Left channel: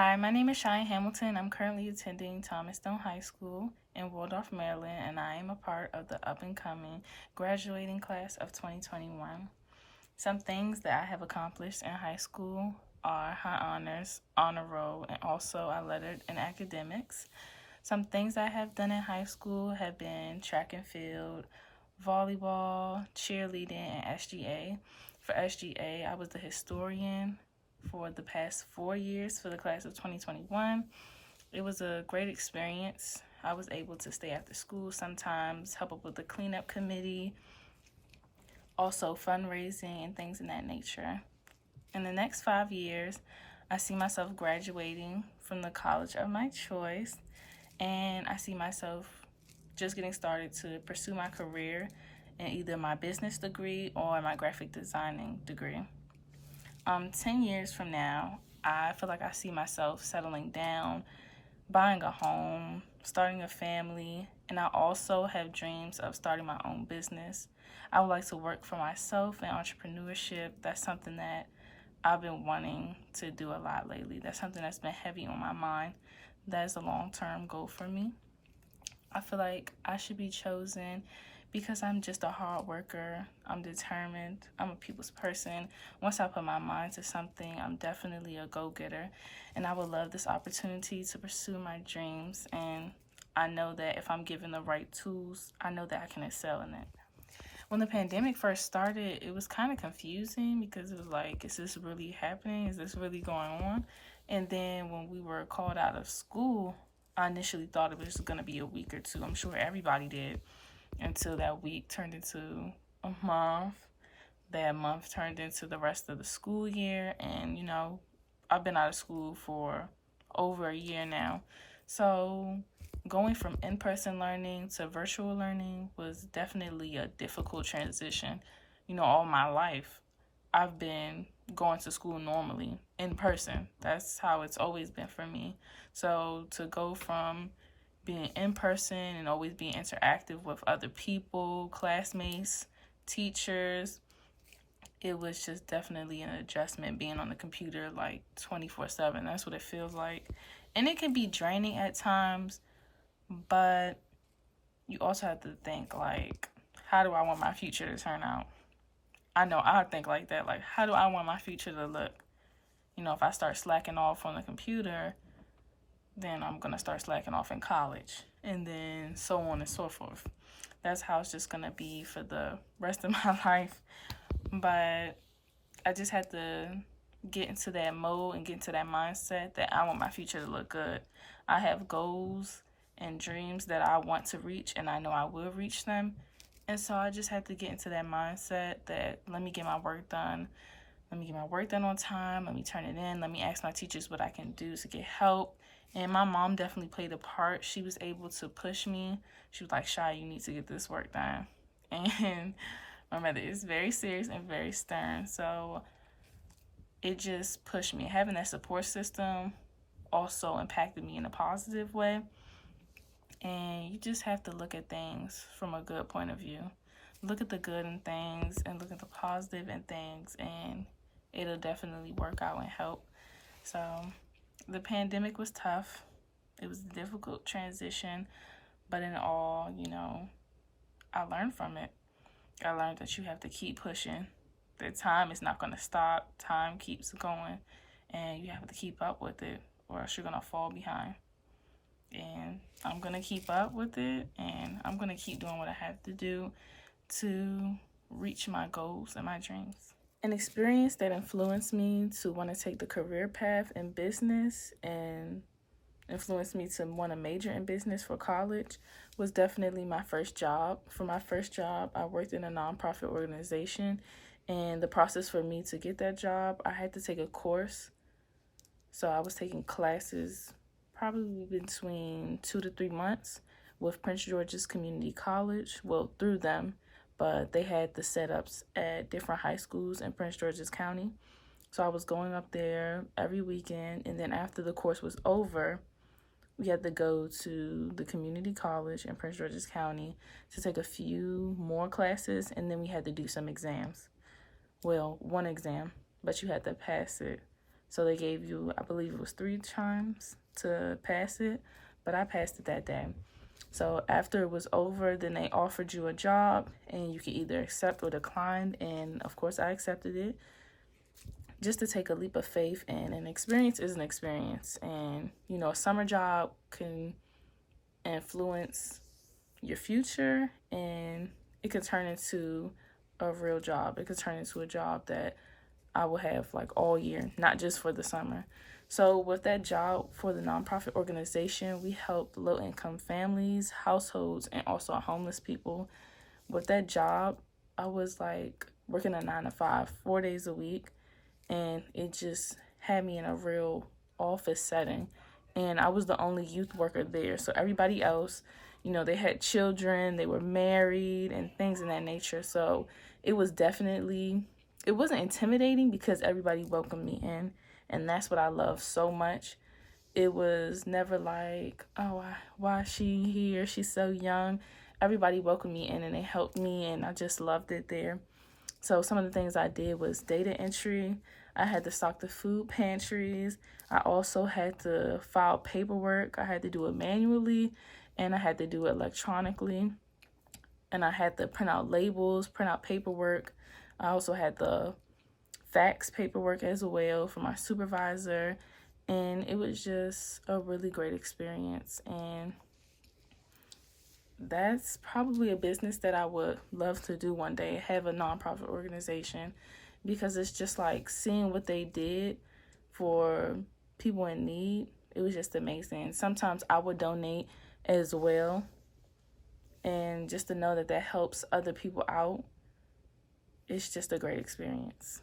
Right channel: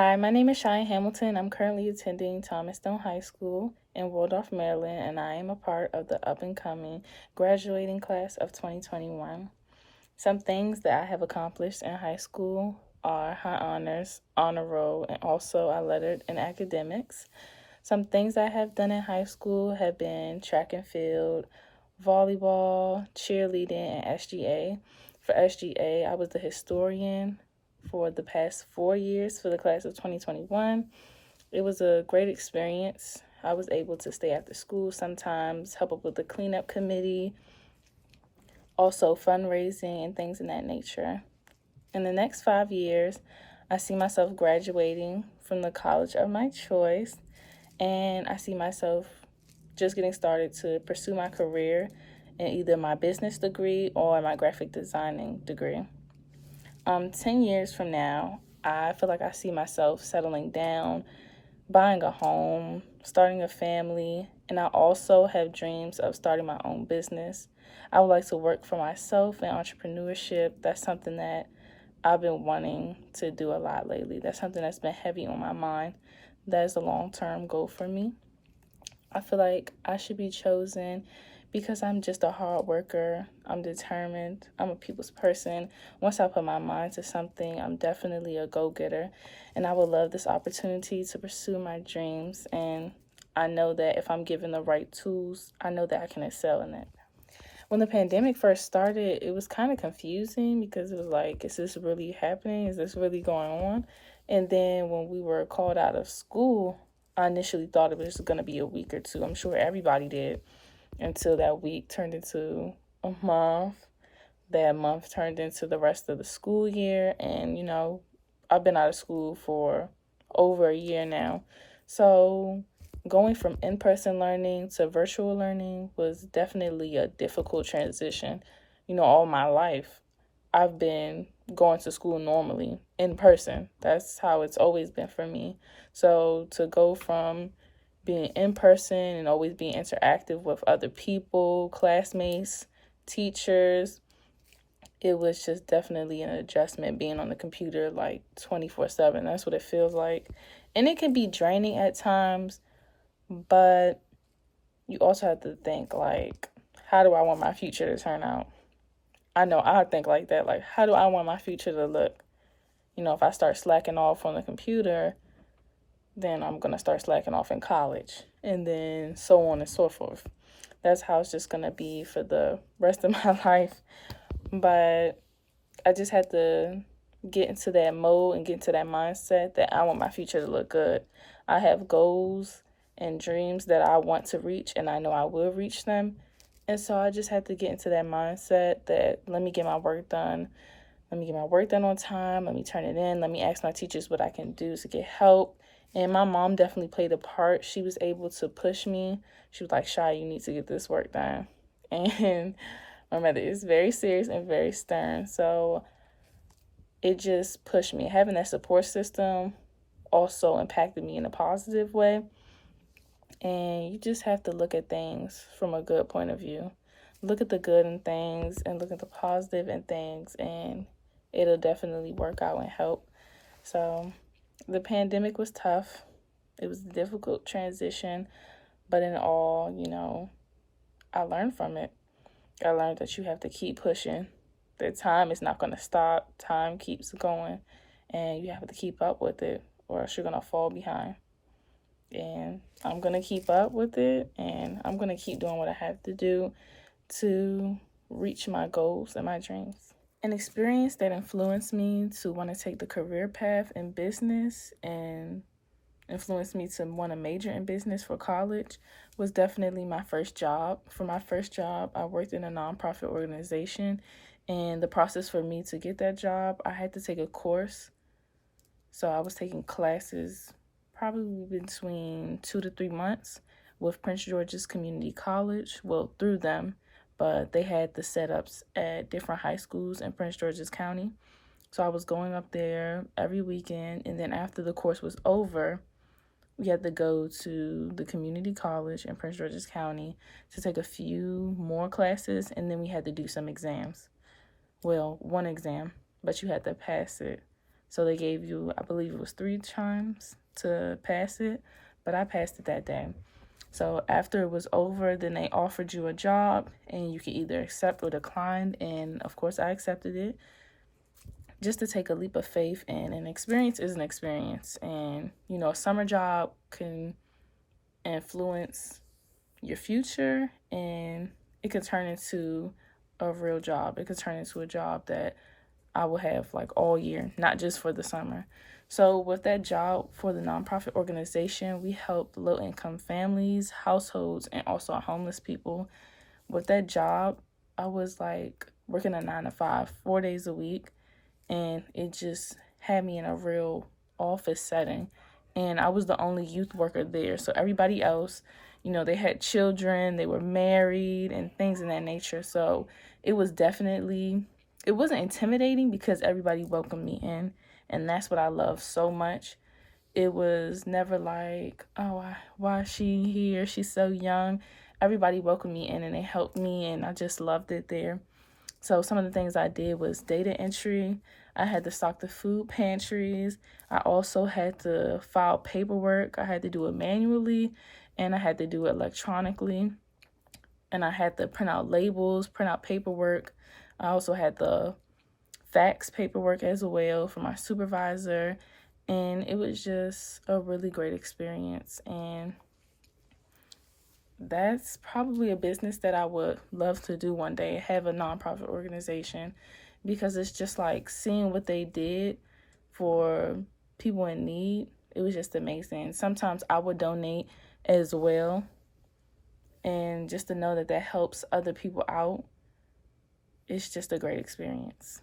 Hi, my name is Chiya Hamilton. I'm currently attending Thomas Stone High School in Waldorf, Maryland, and I am a part of the up and coming graduating class of 2021. Some things that I have accomplished in high school are high honors, honor roll, and also I lettered in academics. Some things I have done in high school have been track and field, volleyball, cheerleading, and SGA. For SGA, I was the historian for the past 4 years for the class of 2021. It was a great experience. I was able to stay after school sometimes, help up with the cleanup committee, also fundraising and things in that nature. In the next 5 years, I see myself graduating from the college of my choice, and I see myself just getting started to pursue my career in either my business degree or my graphic designing degree. 10 years from now, I feel like I see myself settling down, buying a home, starting a family, and I also have dreams of starting my own business. I would like to work for myself in entrepreneurship. That's something that I've been wanting to do a lot lately. That's something that's been heavy on my mind. That is a long-term goal for me. I feel like I should be chosen because I'm just a hard worker. I'm determined. I'm a people's person. Once I put my mind to something, I'm definitely a go-getter. And I would love this opportunity to pursue my dreams. And I know that if I'm given the right tools, I know that I can excel in it. When the pandemic first started, it was kind of confusing because it was like, is this really happening? Is this really going on? And then when we were called out of school, I initially thought it was going to be a week or two. I'm sure everybody did, until that week turned into a month. That month turned into the rest of the school year. And, I've been out of school for over a year now. So going from in-person learning to virtual learning was definitely a difficult transition. All my life, I've been going to school normally in person. That's how it's always been for me. So to go from being in person and always being interactive with other people, classmates, teachers, it was just definitely an adjustment being on the computer like 24/7. That's what it feels like. And it can be draining at times, but you also have to think like, how do I want my future to turn out? I know I think like that. Like, how do I want my future to look? If I start slacking off on the computer, then I'm going to start slacking off in college, and then so on and so forth. That's how it's just going to be for the rest of my life. But I just had to get into that mode and get into that mindset that I want my future to look good. I have goals and dreams that I want to reach, and I know I will reach them. And so I just had to get into that mindset that let me get my work done. Let me get my work done on time. Let me turn it in. Let me ask my teachers what I can do to get help. And my mom definitely played a part. She was able to push me. She was like, Shy, you need to get this work done. And my mother is very serious and very stern. So it just pushed me. Having that support system also impacted me in a positive way. And you just have to look at things from a good point of view. Look at the good in things and look at the positive in things, and it'll definitely work out and help. So the pandemic was tough. It was a difficult transition, but in all, I learned from it. I learned that you have to keep pushing. That time is not going to stop. Time keeps going, and you have to keep up with it, or else you're going to fall behind. And I'm going to keep up with it, and I'm going to keep doing what I have to do to reach my goals and my dreams. An experience that influenced me to want to take the career path in business and influenced me to want to major in business for college was definitely my first job. For my first job, I worked in a nonprofit organization, and the process for me to get that job, I had to take a course. So I was taking classes probably between 2 to 3 months with Prince George's Community College, well, through them, but they had the setups at different high schools in Prince George's County. So I was going up there every weekend, and then after the course was over, we had to go to the community college in Prince George's County to take a few more classes, and then we had to do some exams. Well, one exam, but you had to pass it So they gave you, I believe it was 3 times to pass it, but I passed it that day. So after it was over, then they offered you a job and you could either accept or decline. And of course, I accepted it just to take a leap of faith. And an experience is an experience. And, a summer job can influence your future, and it could turn into a real job. It could turn into a job that I will have like all year, not just for the summer. So with that job for the nonprofit organization, we help low-income families, households, and also homeless people. With that job, I was like working a 9 to 5, 4 days a week, and it just had me in a real office setting. And I was the only youth worker there. So everybody else, they had children, they were married, and things of that nature. So it wasn't intimidating because everybody welcomed me in. And that's what I love so much. It was never like, oh, why is she here? She's so young. Everybody welcomed me in and they helped me, and I just loved it there. So some of the things I did was data entry. I had to stock the food pantries. I also had to file paperwork. I had to do it manually, and I had to do it electronically. And I had to print out labels, print out paperwork. I also had to fax paperwork as well for my supervisor. And it was just a really great experience. And that's probably a business that I would love to do one day, have a nonprofit organization, because it's just like seeing what they did for people in need. It was just amazing. Sometimes I would donate as well, and just to know that helps other people out, it's just a great experience.